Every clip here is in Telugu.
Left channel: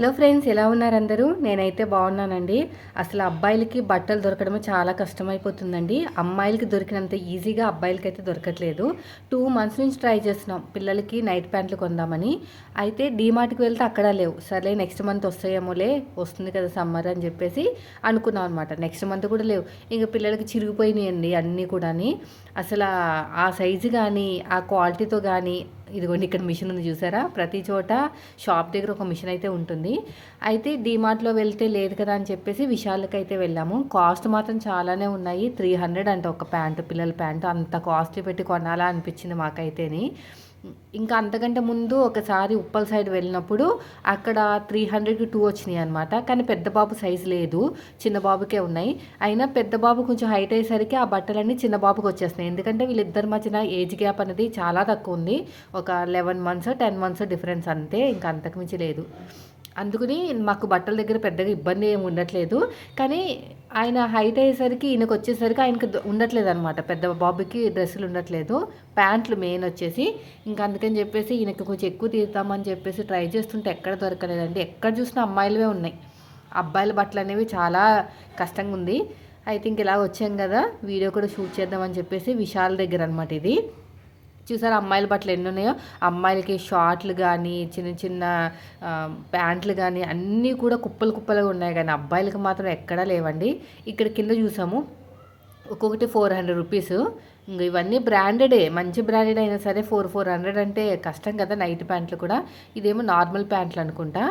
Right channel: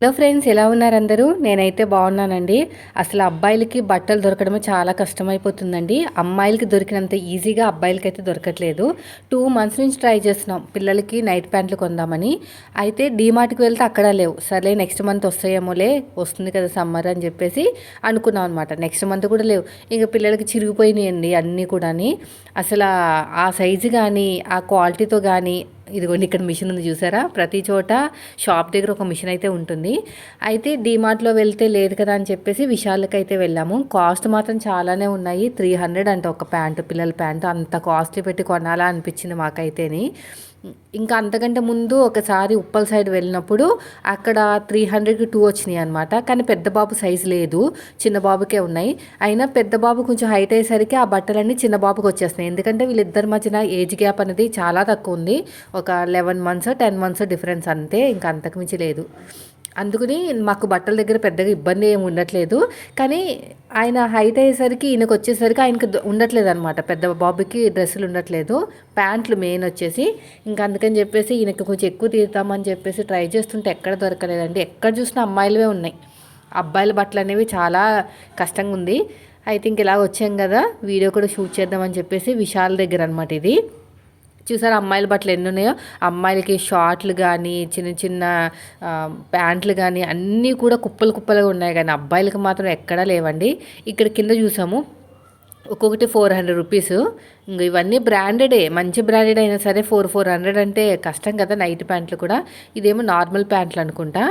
హలో ఫ్రెండ్స్ ఎలా ఉన్నారు అందరూ నేనైతే బాగున్నానండి. అసలు అబ్బాయిలకి బట్టలు దొరకడమే చాలా కష్టమైపోతుందండి. అమ్మాయిలకి దొరికినంత ఈజీగా అబ్బాయిలకి అయితే దొరకట్లేదు. టూ మంత్స్ నుంచి ట్రై చేస్తున్నాం. పిల్లలకి నైట్ ప్యాంట్లు కొందామని. అయితే డీమార్ట్కి వెళ్తే అక్కడ లేవు. సరే నెక్స్ట్ మంత్ వస్తాయేమోలే వస్తుంది కదా సమ్మర్ అని చెప్పేసి అనుకున్నాం అనమాట నెక్స్ట్ మంత్ కూడా లేవు. ఇంకా పిల్లలకి చిరిగిపోయినాయండి అన్నీ కూడా అసలు ఆ సైజు కానీ ఆ క్వాలిటీతో కానీ ఇదిగోండి ఇక్కడ మిషన్ ఉంది చూసారా? ప్రతి చోట షాప్ దగ్గర ఒక మిషన్ అయితే ఉంటుంది. అయితే డీమార్ట్లో వెళ్తే లేదు కదా అని చెప్పేసి విశాల్కి అయితే వెళ్ళాము. కాస్ట్ మాత్రం చాలానే ఉన్నాయి. త్రీ హండ్రెడ్ అంటే ఒక ప్యాంటు పిల్లల ప్యాంటు. అంత కాస్ట్లీ పెట్టి కొనాలా అనిపించింది మాకైతేని. ఇంకా అంతకంటే ముందు ఒకసారి ఉప్పల్ సైడ్ వెళ్ళినప్పుడు అక్కడ త్రీ హండ్రెడ్కి టూ వచ్చినాయి అనమాట కానీ పెద్ద బాబు సైజు లేదు. చిన్న బాబుకే ఉన్నాయి. అయినా పెద్ద బాబు కొంచెం హైట్ అయ్యేసరికి ఆ బట్టలన్నీ చిన్న బాబుకి వచ్చేస్తున్నాయి. ఎందుకంటే వీళ్ళిద్దరి మధ్యన ఏజ్ గ్యాప్ అనేది చాలా తక్కువ ఉంది. ఒక eleven months ten months difference అంతే. ఇంకా అంతకుమించి లేదు. అందుకని మాకు బట్టల దగ్గర పెద్దగా ఇబ్బంది ఏమి ఉండట్లేదు. కానీ ఆయన హైట్ అయ్యేసరికి ఈయనకు వచ్చేసరికి ఆయనకు ఉండట్లేదు అనమాట పెద్ద బాబుకి డ్రెస్సులు ఉండట్లేదు. ప్యాంట్లు మెయిన్ వచ్చేసి. ఇంకా అందుకని చెప్పేసి ఈయనకి కొంచెం ఎక్కువ తీరుతామని చెప్పేసి ట్రై చేస్తుంటే ఎక్కడ దొరకలేదండి. ఎక్కడ చూసినా అమ్మాయిలవే ఉన్నాయి. అబ్బాయిల బట్టలు అనేవి చాలా కష్టంగా ఉంది అయితే ఇంక ఇలా వచ్చాం కదా. వీడియో కూడా షూట్ చేద్దామని చెప్పేసి విశాల్ దగ్గర అనమాట ఇది. చూసారా అమ్మాయిల బట్టలు ఎన్ని ఉన్నాయో అమ్మాయిలకి షార్ట్లు కానీ చిన్న చిన్న ప్యాంట్లు కానీ అన్నీ కూడా కుప్పలు కుప్పలుగా ఉన్నాయి కానీ అబ్బాయిలకు మాత్రం ఎక్కడా లేవండి. ఇక్కడ కింద చూసాము. ఒక్కొక్కటి ఫోర్ హండ్రెడ్ రూపీస్. ఇంక ఇవన్నీ బ్రాండెడే మంచి బ్రాండెడ్ అయినా సరే ఫోర్ ఫోర్ హండ్రెడ్ అంటే కష్టం కదా నైట్ ప్యాంట్లు కూడా. ఇదేమో నార్మల్ ప్యాంట్లు అనుకుంటా.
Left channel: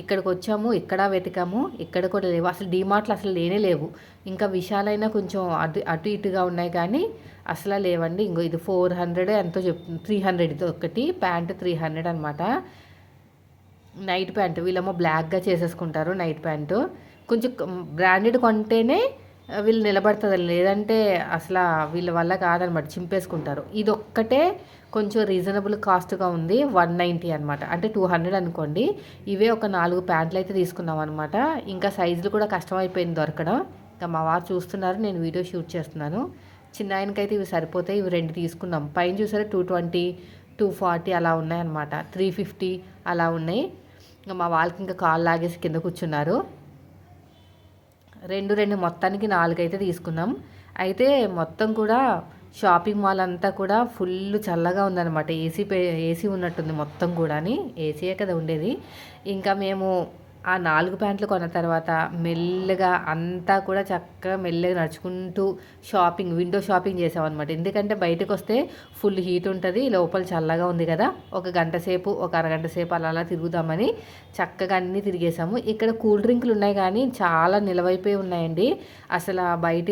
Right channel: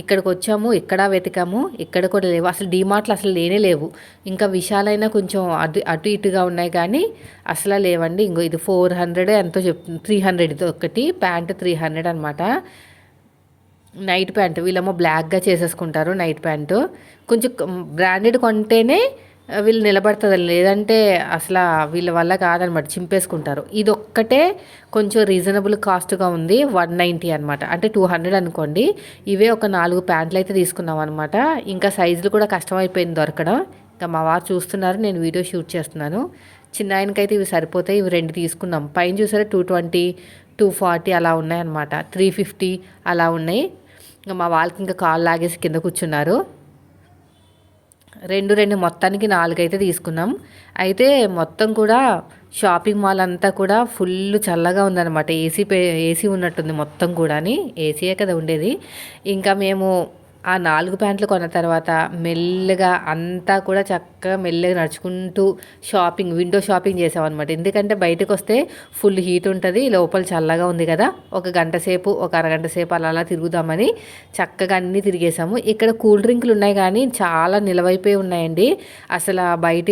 ఇక్కడికి వచ్చాము ఇక్కడ వెతికాము ఇక్కడ కూడా లేవు. అసలు డిమార్ట్లు అసలు లేనే లేవు. ఇంకా విశాలైనా కొంచెం అటు అటు ఇటుగా ఉన్నాయి కానీ అసలు లేవండి. ఇంకో ఇది ఫోర్ హండ్రెడ్ ఎంతో చెప్తుంది త్రీ హండ్రెడ్ ఇది ఒకటి ప్యాంట్ త్రీ హండ్రెడ్ అనమాట నైట్ ప్యాంట్ వీళ్ళేమో బ్లాక్గా చేసేసుకుంటారు నైట్ ప్యాంటు. కొంచెం బ్రాండెడ్ కొంటేనే వీళ్ళు నిలబడుతుంది లేదంటే అసలు వీళ్ళ వల్ల కాదనమాట. చింపేసుకుంటారు. ఇది ఒక్కటే కొంచెం రీజనబుల్ కాస్ట్గా ఉంది. వన్ నైంటీ అనమాట అంటే టూ హండ్రెడ్ అనుకోండి. ఇవే ఒక నాలుగు ప్యాంట్లు అయితే తీసుకున్నాం అనమాట ఇంకా సైజులు కూడా కష్టమైపోయింది దొరకడం. ఇంకా మా వారు చూస్తున్నారు. నేను వీడియో షూట్ చేస్తున్నాను. చిన్న ఆయనకైతే ఇవి సరిపోతాయి. ఇవి రెండు తీసుకున్నాం. పైన చూసారా? టూ ట్వంటీ టూ ఫార్టీ అలా ఉన్నాయన్నమాట త్రీ ఫిఫ్టీ అలా ఉన్నాయి. ఇంకా మా వాళ్ళకి ఇంకా కాల్ లాగేసి కింద కూర్చున్నారు. రెండు రెండు మొత్తానికి నాలుగైతే తీసుకున్నాం. అయితే మొత్తం కూడా షాపింగ్ మాల్ అంతా కూడా ఫుల్ చల్లగా ఉందన్నమాట. ఏసీ పే ఏసీ ఉన్నట్టుంది మొత్తం కూడా ఏసీయే కదా ఉండేది. ఇంకా మేము ఆ నాలుగు ప్యాంట్లు కొన్న తర్వాత మెల్లగా అంతా కూడా చక్కగా మెల్లగా నడుచుకుంటూ షాపింగ్ విండో షాపింగ్ చేసామన్నమాట. ఎందుకంటే బయటకు వస్తే ఫుల్ హీట్ ఉంటుంది లోపల చల్లగా ఉంది కదా. ఒక గంట సేపు ఒక అరగంట సేపు అలా అలా తిరుగుదామని చక్కగా అన్నీ తిరిగేసాము. ఇక్కడ కూల్ డ్రింకులు ఉన్నాయి కానీ చాలా నిలవైపోయి ఉన్నాయండి. అసలు బయట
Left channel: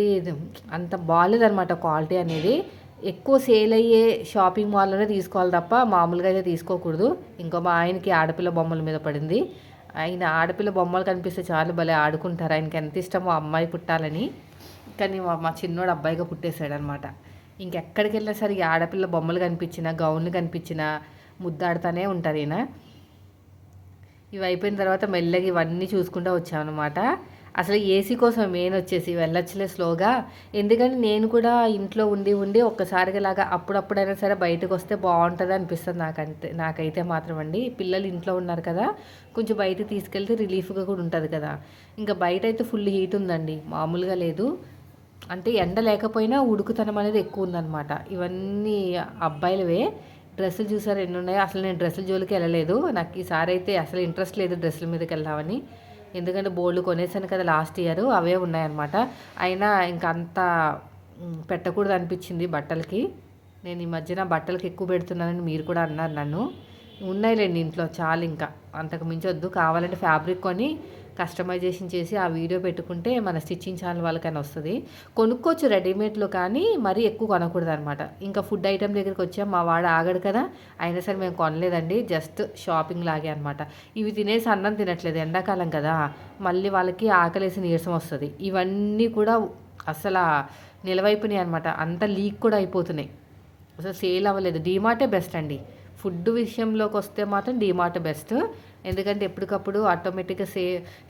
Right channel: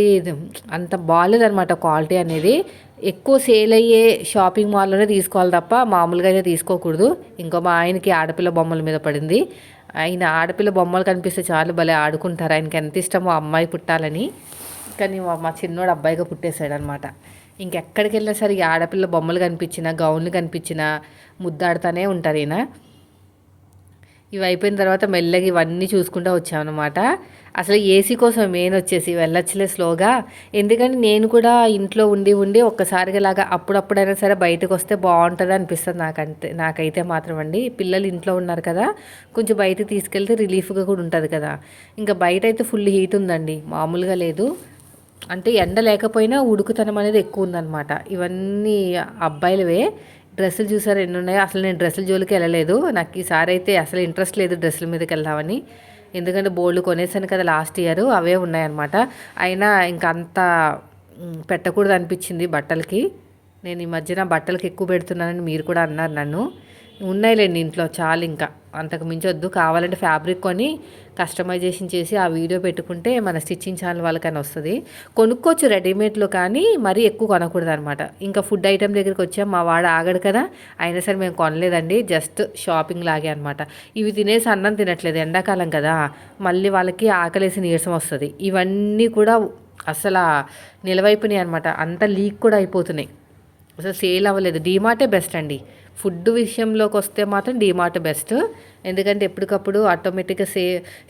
అంత బాగాలేదనమాట క్వాలిటీ అనేది. ఎక్కువ సేల్ అయ్యే షాపింగ్ మాల్లోనే తీసుకోవాలి తప్ప మామూలుగా అయితే తీసుకోకూడదు. ఇంకో మా ఆయనకి ఆడపిల్ల బొమ్మల మీద పడింది. ఆయన ఆడపిల్ల బొమ్మలు కనిపిస్తే చాలు భలే ఆడుకుంటారు. ఆయనకి ఎంత ఇష్టమో అమ్మాయి పుట్టాలని. కానీ మా చిన్నోడు అబ్బాయిగా పుట్టేశాడనమాట. ఇంకెక్కడికి వెళ్ళినా సరే ఆడపిల్ల బొమ్మలు కనిపించినా గౌన్లు కనిపించినా ముద్దాడుతూనే ఉంటారు ఈయన. ఇవి అయిపోయిన తర్వాత మెల్లగా ఇవన్నీ చూసుకుంటూ వచ్చామన్నమాట. అసలు ఏసీ కోసం మెయిన్ వచ్చేసి వెళ్ళొచ్చులే స్లోగా. ఎందుకంటే నేను కూడా ఇంట్లో ఉండి ఉండి ఒక్కసారిగా లాగా అప్పుడప్పుడైనా సరే బయటకు వస్తే బాగుంటుంది అనిపిస్తుంది నాకంటే నాకైతే మాత్రం అండి. పిల్లలు ఇంట్లో ఉన్నారు కదా కొంచెం బయట తీసుకెళ్తే రిలీఫ్గా కూడా ఉంటుంది కదా. ఇంకా బయట అయితే ఫుల్ హీట్ ఉందండి మామూలుగా లేదు. అంటే ఎండ లేకపోయినా ఉడుకుతనం అనేది ఎక్కువ ఉందన్నమాట. ఇవన్నీ అబ్బాయిలవే. డ్రెస్సులు చూసారు ఎన్ని ఉన్నాయో అసలు నేను డ్రెస్సుల జోలికి వెళ్ళలేదు. నాకు ఈసారి అయితే అసలు ఇంట్రెస్ట్ లేదు డ్రెస్సుల మీదకి వెళ్దామని. ఎందుకంటే బోల్డ్ కొనేసాను కదా లాస్ట్ ఇయర్ అవే ఉన్నాయన్నమాట. అయినా ఇంకా అంత పెట్టకూడదు అనిపించింది బట్టలకి. నేను ఈ మధ్యన బట్టలకి ఎక్కువ పెడుతున్నానని మీరు కూడా అన్నారు నన్ను. ఉన్నాయిలేండి ఇంట్లో చాలు ఇంకా. అంతకు మించొద్దు కావాలంటే ఫ్యాబ్రిక్ కొని కస్టమైజేషన్ చేసి ఆ వీడియో పెట్టుకుంటే మన స్టిచ్చింగ్ ఛానల్ వాళ్ళకని వస్తుంది. కొనుక్కోవచ్చు రెడీమేడ్లో కానీ మరీ ఎక్కువ కొనకూడదు అనమాట ఇంకా ఫుడ్ ఐటెం దగ్గరికి వచ్చాం. మా వాడు ఆగడు కదా. అయినా సరే మేము కొనలేదండి. జస్ట్ షాపింగ్ లాగే అనమాట ఇవి తినేసి అన్నం తినట్లేదు. ఎండాకాలం కదా. మళ్ళీ వాళ్ళకి ఆకలేసి నీరసం వస్తుంది. ఇవన్నీ కూడా అసలు నిలవైపోయినాయి అనమాట అంత లీక్ కూడా అయిపోతున్నాయి. అసలు సేల్ అవ్వలేదు. డీమార్టే బెస్ట్ అండి. ఫుడ్ విషయంలోకి వస్తే మాత్రం డీమార్ట్ బెస్ట్ ఎందుకంటే ఎప్పటికప్పుడు ఆటోమేటిక్గా సే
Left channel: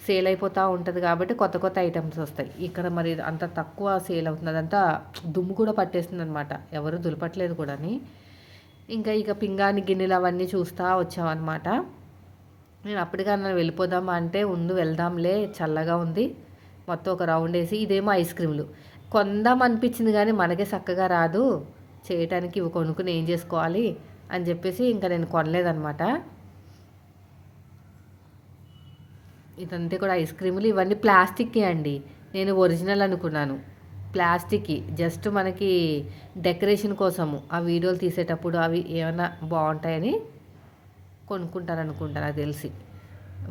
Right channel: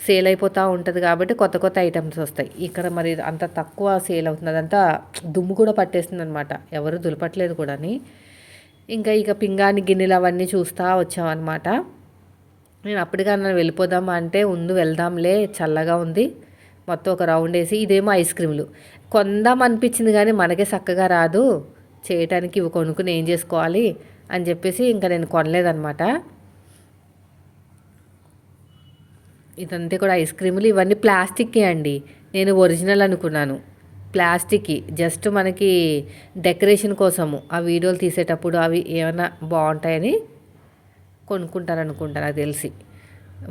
సేల్ అయిపోతూ ఉంటుంది కాబట్టి కొత్త కొత్త ఐటమ్స్ వస్తాయి. ఇక్కడ మరి అంత తక్కువ సేల్ అవుతుంది అదంతా దుమ్ము కూడా పట్టేస్తుంది అనమాట ఎవరు దులపట్లేదు కూడా ఇంకా ఇక పింగాని గిన్నెలు అవన్నీ చూస్తూ వచ్చామన్నమాట. నేను అప్పటికన్నా వెళ్ళిపోదామా అంటే ఉండు వెళ్దాంలే చల్లగా ఉంది. మొత్తం ఒక రౌండ్ వేసి ఇదేమో ఐస్ క్రీమ్లు కొందాం అనిపించింది కానీ మనకే చక్కగా రాదు. చేయటానికి ఇవి కొనుక్కుని ఏం చేసుకోవాలి? అని చెప్పేసి ఇంకా నేను కొనలేదనమాట ఇదంతా కూడా ఐస్ క్రీములు ఇవన్నీ ప్లాస్టిక్కే అండి. నేను ఒరిజినల్ అనుకున్నాను. ప్లాస్టిక్కి జస్ట్ మనకి డెకరేషన్ కోసము ఆ వీడియోలు తీసేటప్పుడు అవి ఏమైనా బాగుంటాయని కొనుక్కుంటాను అనుకుంటాను నాకు తెలిసి.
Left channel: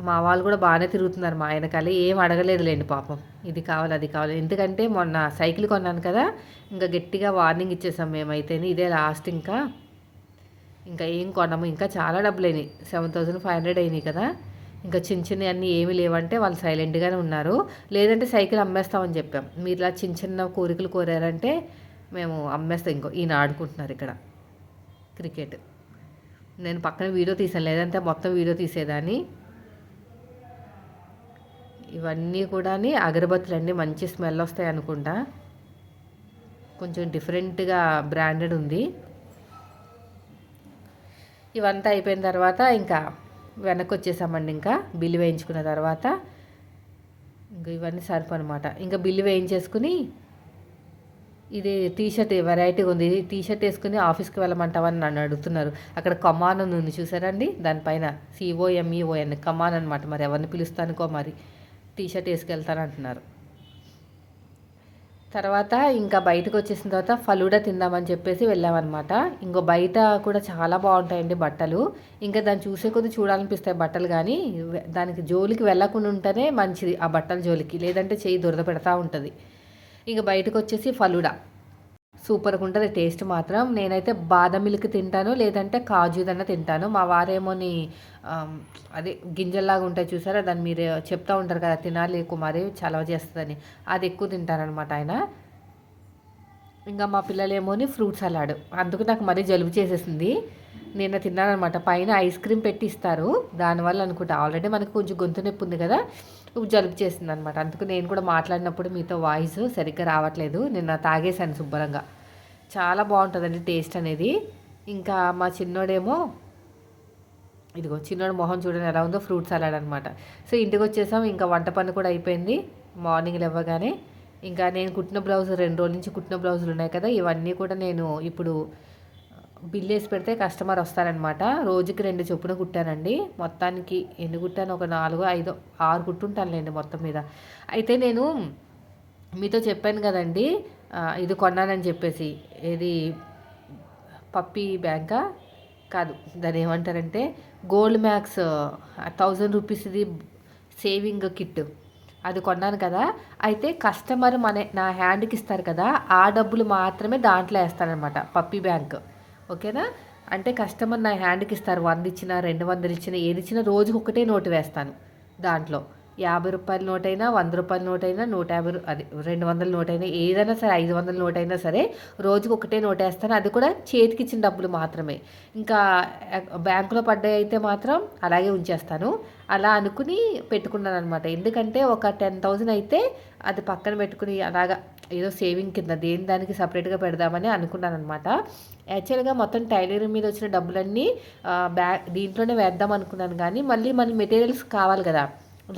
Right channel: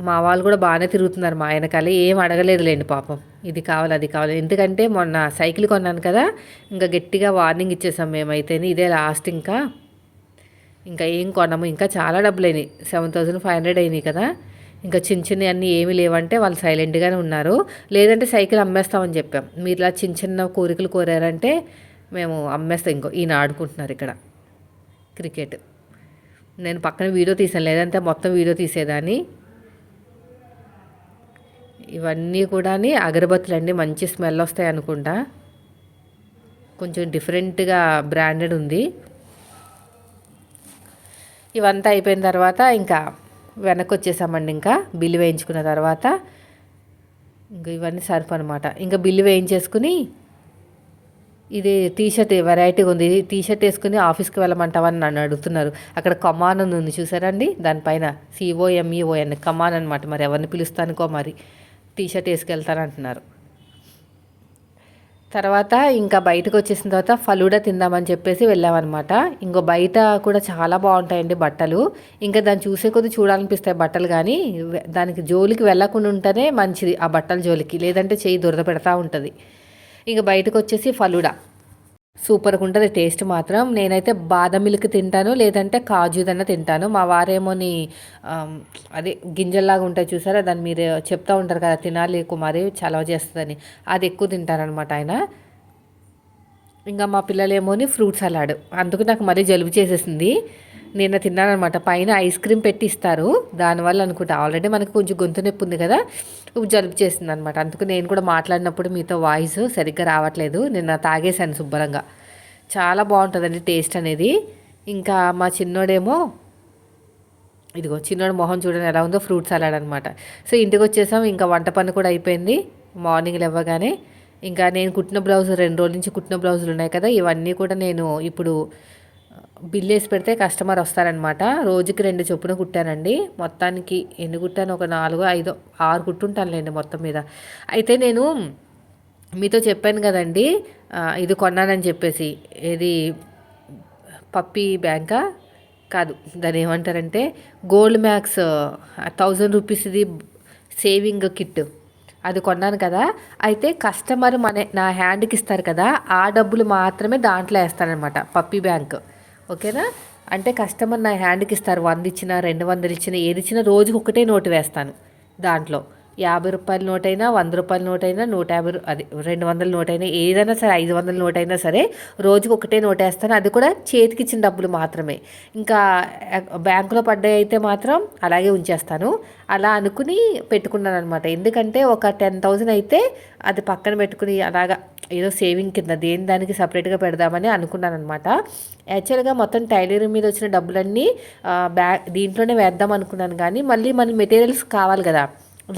మా వాళ్ళు కూడా బాగానే తిరుగుతున్నారు మా ఆయన కళ ఏం అడగలేదులేండి పాపం. ఇది కావాలి అది కావాలి. ఎందుకంటే మొన్న సైకిల్ కొన్నాను కదా ఇంకా గట్టిగా వార్నింగ్ ఇచ్చేసాం మేమైతేనే ఇదే లాస్ట్ ఇంకా. ఇంకా ఏం కొనము. ఇంకా చాలా డబ్బులు అయినాయి సెవెన్ థౌజండ్ ఫైవ్ హండ్రెడ్ అయినాయి కదా. ఇంకా చిన్న చిన్న అన్నీ ఏమీ లేవంటే వాళ్ళు సైలెంట్గానే ఉన్నారు. లేదంటే సైకిల్ అమ్మేస్తామని చెప్పాం. మీరు ఇలా చిన్న చిన్న కోరికలు కోరారంటే మేము అమ్మేస్తాం. ఇంకో ఈయన ఆడుకుంటున్నారు ఇక్కడ. క్రికెట్. నేను పక్కన వీడియో తీసాను లేదంటే మొత్తం వీడియో తీసేదాన్ని. ఇవన్నీ కూడా అగరబత్తులు అండి మంచి స్మెల్ వస్తాయి అనుకుంటా. కొంచెం డిఫరెంట్గా బ్రాండెడ్ ఉంది. ఇవంతా అయిపోయిన తర్వాత ఇంకా వెనక్కి వచ్చేసామండి ఇంకా బిల్లు వేయించుకున్న తర్వాత. ఇంకా ఇవన్నీ సరిపో అనమాట ఇంకా బిల్లు వేయించేసుకుని ఇది టీషర్ట్ వెరైటీగా ఉంది. టీషర్ట్ వేసుకుని ఆఫీస్కి వెళ్ళమంటావని నన్ను అడుగుతున్నారు. అక్కడ కమాన్ అని ఉంది చూసారండి? దానిపైన సిఓఎంఈఓఎన్ కమాన్ అనమాట మరి ఎవరిని పిలుస్తానుకో మరి. టీషర్ట్ వేసుకెళ్తానంటున్నారు. తర్వాత ఇంకా బయటకు వచ్చేసిన తర్వాత ఫలూడా తిందామని చెప్పేసి వెళ్ళామన్నమాట. ఇంకో బయట కూడా చాలా బాగుంటాయండి బట్టలు. ఇంకా దాన్ని చూసే కొద్ది చూడాలనిపిస్తాయి బట్టలు కానీ దానికి జోలికి వెళ్ళకుండా ఉంటేనే మంచిది ఆ బట్టల జోలికి. లేదంటే చేయి దురద పెడతా ఉంటుంది. ఇంకా బయటకు వచ్చేసి ఫలూడా. సూపర్గా ఉంటుంది టేస్ట్ మాత్రం. నేనైతే బాదం మిల్క్ తింటాను లేదంటే కాజుదన్న తింటాను. మా వారేమోని అదే గింజల్లాగా ఉంటాయి చూసారా? దాన్ని మీరు చెప్తా ఉంటారు కదా తినాలి కుమారి చలవ చేస్తుందని. అది ఎక్కువ తింటారనమాట ఆయన. ఇంకా మా పిల్లలేమోని ఫ్రూట్ సలాడ్. అందుకు నాకు మరీ జలుబు చేసేసింది. నిన్న తిన్నానమాట పైన ఐస్ క్రీమ్ పెట్టి ఇస్తారు. దానివల్ల అనుకుంటా. ఆల్రెడీ మనకు కొంచెం గొంతు నొప్పి ఉంది కదా. జలుబు చేసింది అనమాట అందుకు నేను కూడా మాట్లాడినప్పుడు మీతో వాయిస్ సరిగ్గా రావట్లేదు. నిన్న తాగేశాను శుభ్రంగా. చాలా బాగుంటుందండి టేస్ట్ అనేది. ఇంకా మా చిన్నోడేమో ఇదిగో చిన్నోడు మొహం చూడని ఎలా ఉందో ఫ్రూట్ సలాడ్ అనమాట సో ఇంటికి వచ్చేసాం. ఇంకా వంట పని కూడా అయిపోయింది. మార్నింగ్ లేవగానే. ఇంకా నేను కుట్టిన బ్లౌజ్ రెండు రోజుల నుంచి కుట్టిన బ్లౌజులు ఉన్నాయి కదా. ఇవన్నీ కూడా నేను ఇప్పుడు బిల్ వేసి పెడితే కస్టమర్ వస్తారనమాట రోజుకి రెండు చొప్పున కుట్టానండి. మొత్తానికి ఎన్ని కుట్టాను? ఒక నాలుగు ఐదు ఆరు కుట్టుంటానులేండి మొత్తం మీద. అయితే నేను మీతో చెప్పాను కదండి. ఇది కొన్నానని చెప్పేసి. ఇది పప్పి బ్యాంకా? కాదు. దాని ఏమంటారంటే గోల్డ్ మ్యాక్స్ థౌజండ్ రూపీస్ది సేవింగ్ కిట్. అది కొన్నాను కదా. అయితే కస్టమర్ మన నా హ్యాండ్కి ఇస్తారు కదా. ఆ డబ్బులు మాత్రమే దాంట్లో వేస్తానమాట పప్పి బ్యాంక్. ఓకేనా? అంటే కస్టమర్ నా హ్యాండ్కి ఇస్తారు. వంద ఇచ్చిన రెండు వందలు ఇచ్చిన ఏది ఇచ్చినా రోజుకి ఒకటే నోటు వేస్తాను దాంట్లో. యాభై రూపాయల నోటైనా వంద రూపాయల నోటైనా నూట యాభై అది రెండు వందల నోటైనా ఏదైనా సరే ఐదు వందల నోటైనా సరే రోజుకి ఒకటే నోట్ వేస్తాను. అది కూడా చేతికి ఇచ్చిన డబ్బులు మాత్రమే. ఇంకా బ్యాంకులో పడ్డాయి అయితే మాత్రం అలాగే ఉంచేస్తాను. అలా అనుకుని పెట్టుకున్నాను అనమాట ఎందుకంటే ఒక టెన్ థౌజండ్ అయితే అది పక్కన పెట్టుకుని అలాగా ఏదో సేవింగ్ కింద దేని దానికి సపరేట్గా పెడదామని అనుకున్నాను అనమాట యాక్చువల్గా మొత్తం టైలరింగ్ మీద వచ్చిన డబ్బులన్నీ బ్యా దీంట్లోనే వేద్దాం అనుకున్నాను కానీ మళ్ళీ మన మెటీరియల్స్ కావాలి కదా.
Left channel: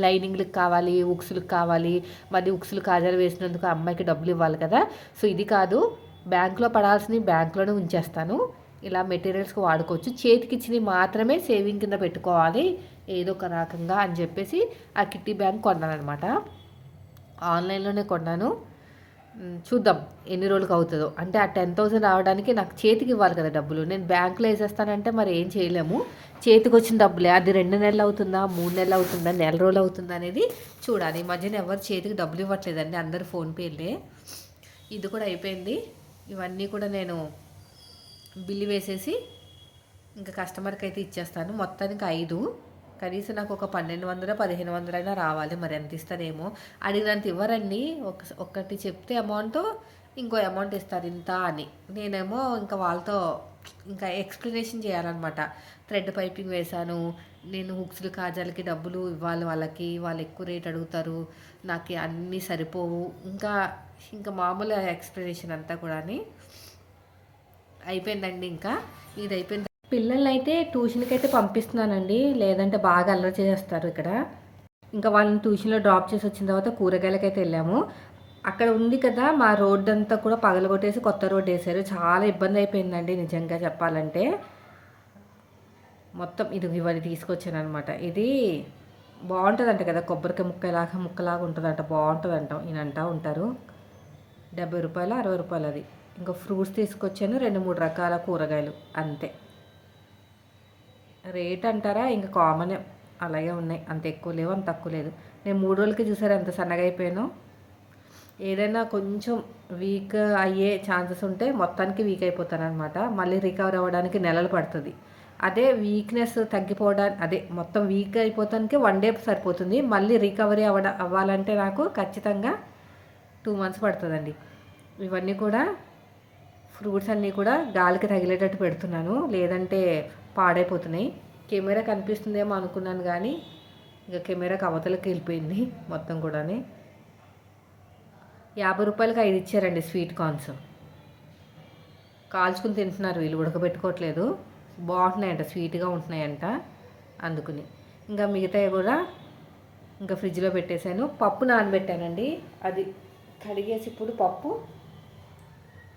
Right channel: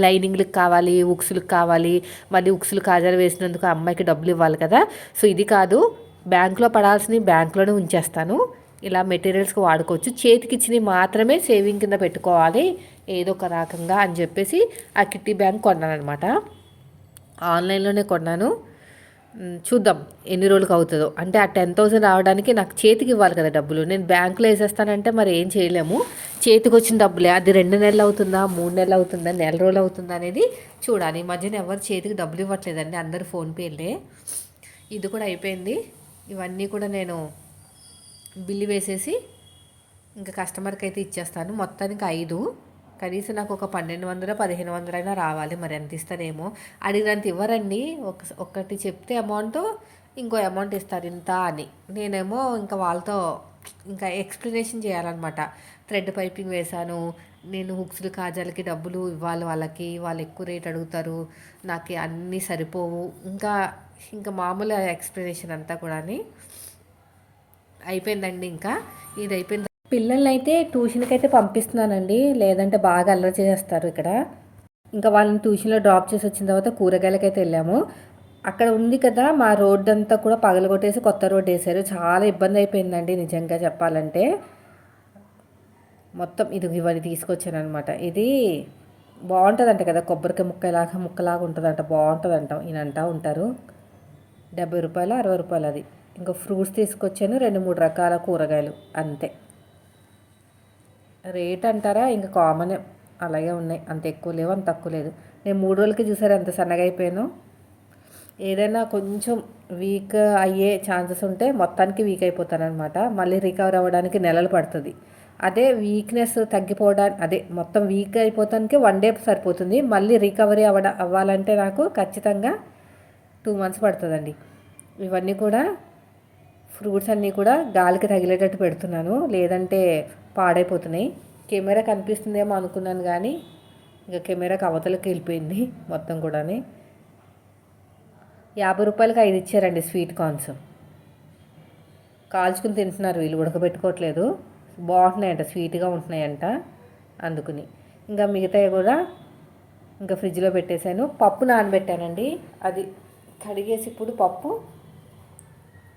లైనింగ్లకు కావాలి ఉక్సులకు కావాలి మళ్ళీ ఉక్సులు కాజాలు వేసినందుకు అమ్మాయికి డబ్బులు ఇవ్వాలి కదా. సో ఇది కాదు బ్యాంకులో పడాల్సినవి బ్యాంకులోనే ఉంచేస్తాను. ఇలా మెటీరియల్స్కి వాడుకోవచ్చు. చేతికి ఇచ్చినవి మాత్రమే సేవింగ్ కింద పెట్టుకోవాలి ఏదో ఒక రకంగా అని చెప్పేసి ఆ కిట్టి బ్యాంక్ కొన్నాను అనమాట ఆన్లైన్లోనే కొన్నాను. చూద్దాం ఎన్ని రోజులకు అవుతుందో. అంటే ఆ టెన్ థౌసండ్ రావడానికి నాకు చేతికి ఇవ్వాలి కదా డబ్బులు. నేను బ్యాంకులో వేసేస్తానంటే మరి ఏం చేయలేము. చేతికి వచ్చిన డబ్బులే. అది రెండు నెలలు అవుతుందా మూడు నెలలు అవుతుందా నెల రోజులు అవుతుందా అనేది చూడాలి. ఈ మధ్యన ఎవరు చేతికి డబ్బులు ఇవ్వట్లేదండి. అందరు ఫోన్పేలే ఇది కూడా అయిపోయింది. ఇవన్నీ కూడా నేను బిల్లు వేసేసి ఇంకా కస్టమర్కి అయితే ఇచ్చేస్తాను. మొత్తానికి ఐదు. కనీసం నాకు ఒక పన్నెండు వందల పదిహేను వందలైనా రావాలి. మరి ఎంత ఇస్తారేమో? అడిగినంత ఇవ్వరండి. ఒక ఒకటి చెప్తే అమౌంట్ ఇంకో అమౌంట్ ఇస్తారు ఇంత అని. నేనేమో ఇంకా వాళ్ళతో ఇంకా ఎక్స్ప్లెనేషన్ చేయాలన్నమాట. థ్రెడ్ పైపింగ్ వేశాను. నేను హుక్స్లు కాజాలకి డబ్బులు ఇవ్వాలి వాళ్ళకి. వాళ్ళు ఎక్కువ రేట్ అడుగుతారు. నాకు అన్నీ సరిపోవు. ఇంకా ఇంకా మామూలు ఎక్స్ప్లెనేషన్ అంతా కూడా అయిపోయిందండి ఇంకా. ఇది అయిపోయింది పిల్లల్ని ట్యూషన్కి అయితే పంపిస్తున్నానండి. లేదంటే బాగా అల్లరి చేస్తారు ఇక్కడ. ఇంకా వాళ్ళని ట్యూషన్లో డ్రాప్ చేసి వచ్చిన తర్వాత కూరగాయలకి అయితే వెళ్ళాము. అక్కడ ఉంది కదా మా రోడ్డు అంతా కూడా పగలగొట్టేసి కొత్త రోడ్డు వేశారు. చాలా ఇబ్బంది అయిపోయిందండి నిజంగా చెప్పాలంటే. మొత్తం ఇది ఇవన్నీ తీసుకొచ్చాను అనమాట ఇది బాగుంటుందంట కదా కొబ్బరికాయ ముక్కలాగా ముక్కలాగా ఉంటుందంట. బాగుంటుందంట. ఈయన అంటా ఉంటారు. డెబ్బై రూపాయలు అరవై రూపాయలు అది. ఇంకా ఫ్రూట్స్ తీసుకొచ్చాను. రెండు మూడు రకాల కూరగాయలు. అంతే. రేట్ అంటారా? ఇంకా కామన్. అలాగే ఉన్నాయి. అంత ఎక్కువ లేవు అంత తక్కువ లేదు. నేను మూడు రోజులకి చూసారు ఎంత సన్నగా అయిపోయాను. ఏదైనా కొంచెం వీక్ అయ్యే ఛాన్సెస్ ఉంటే మొత్తానికి వీక్ అయిపోతాను అనమాట మళ్ళీ రికవర్ అవ్వడానికి నెలలు పడుతుంది. అదే వీక్నెస్ తగ్గిపోవడానికి అదే మొత్తం వీక్ అయిపోతానికి వన్ డే సరిపోతుంది. మళ్ళీ రికవరీ అవ్వడ అవ్వాలంటే నాకు ఖచ్చితంగా టూ మంత్స్ పడుతుందండి. ఇవన్నీ కూడా ఫ్రూట్స్ అన్నీ కూడా గాలికి తగిలేటట్టు పెడుతున్నాను. లేదంటే పాడైపోతున్నాయి. కెమెరా కనిపిస్తుందేమో అనుకున్నాను కానీ ఇంకా కెమెరాకి అవతలకి వెళ్ళిపోయింది మొత్తం కూడా యాభై రూపాయలకి ఐదు ఇచ్చారండి స్వీట్ కార్న్స్. కాల్చుకుని తింటున్నారు వీళ్ళు ఉడకబెట్టుకోవట్లేదు. బాగుంటున్నాయంట స్వీట్గా ఉంటున్నాయంట అందుకుని. ఇంకా మిగతాయి కూడా ఇంకా ఫ్రిడ్జ్లో పెట్టేశాను. పప్పు నానబెట్టానండి. అది కడిగేసి ఇప్పుడు పప్పు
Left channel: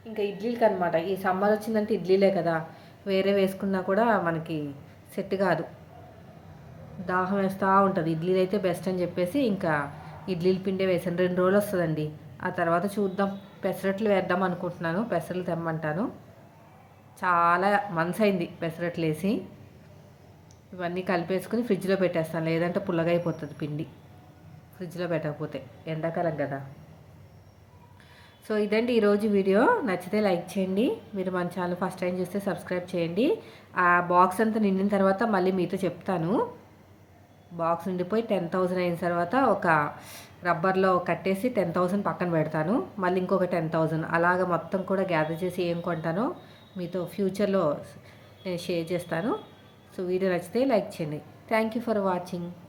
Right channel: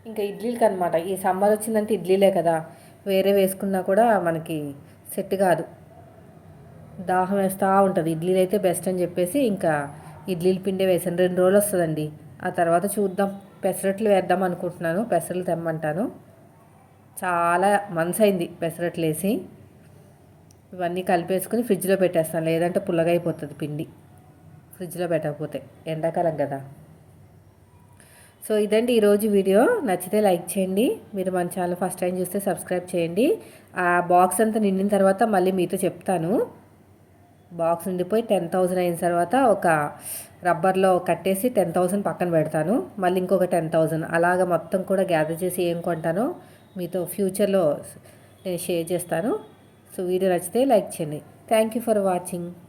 ఇంకా ఇడ్లీలకి అనమాట ఈ సమ్మర్ వచ్చిందంటే ఇడ్లీలే కదా. వేరే వేసుకున్నా కూడా మనకి సెట్ కాదు. దాహం వేస్తూ ఉంటుంది. ఇడ్లీలు అయితే బెస్ట్ అని చెప్పేసి ఇంకా ఇడ్లీలు పిండే వేసాను. రెండు రోజులు వస్తుందండి. ఆ తర్వాత చూద్దాం. పెసరట్లు వేద్దాం అనుకుంటున్నాను. పెసరట్లు తెమ్మంటాను. చాలా మనసు అయింది పెసరట్లు వేసి. ఇవన్నీ కలిపేసుకుని ఫ్రిడ్జ్లో పెట్టేస్తాను. లేదంటే పుల్లగా అయిపోతుంది పిండి. ఫ్రిడ్జ్లో పెట్టకపోతే. ఎండాకాలం కదా. సో ఇదండి ఈరోజు వీడియో. నచ్చితే లైక్ చేయండి. మీరు మన ఛానల్ ఫస్ట్ టైం చూస్తే సబ్స్క్రైబ్ చేయండి. ఆ బాక్స్ అంతా నిండిన తర్వాత మళ్ళీ మీతో చెప్తాను. బాక్స్ నిండిపోయి టెన్ థౌజండ్ అయిన తర్వాత ఒక రబ్బర్లో కట్టేసి టెన్ థౌజండ్ పక్కన పెడతాను. మళ్ళీ ఇంకొక టెన్ థౌజండ్ అలాగ మొత్తం కూడా గ్యాదర్ చేసి ఏం కొంటానో మీతో ఫ్యూచర్లో నేను షేర్ చేస్తాను. సో వీడియో నచ్చితే లైక్ చేయండి. Thank you for watching.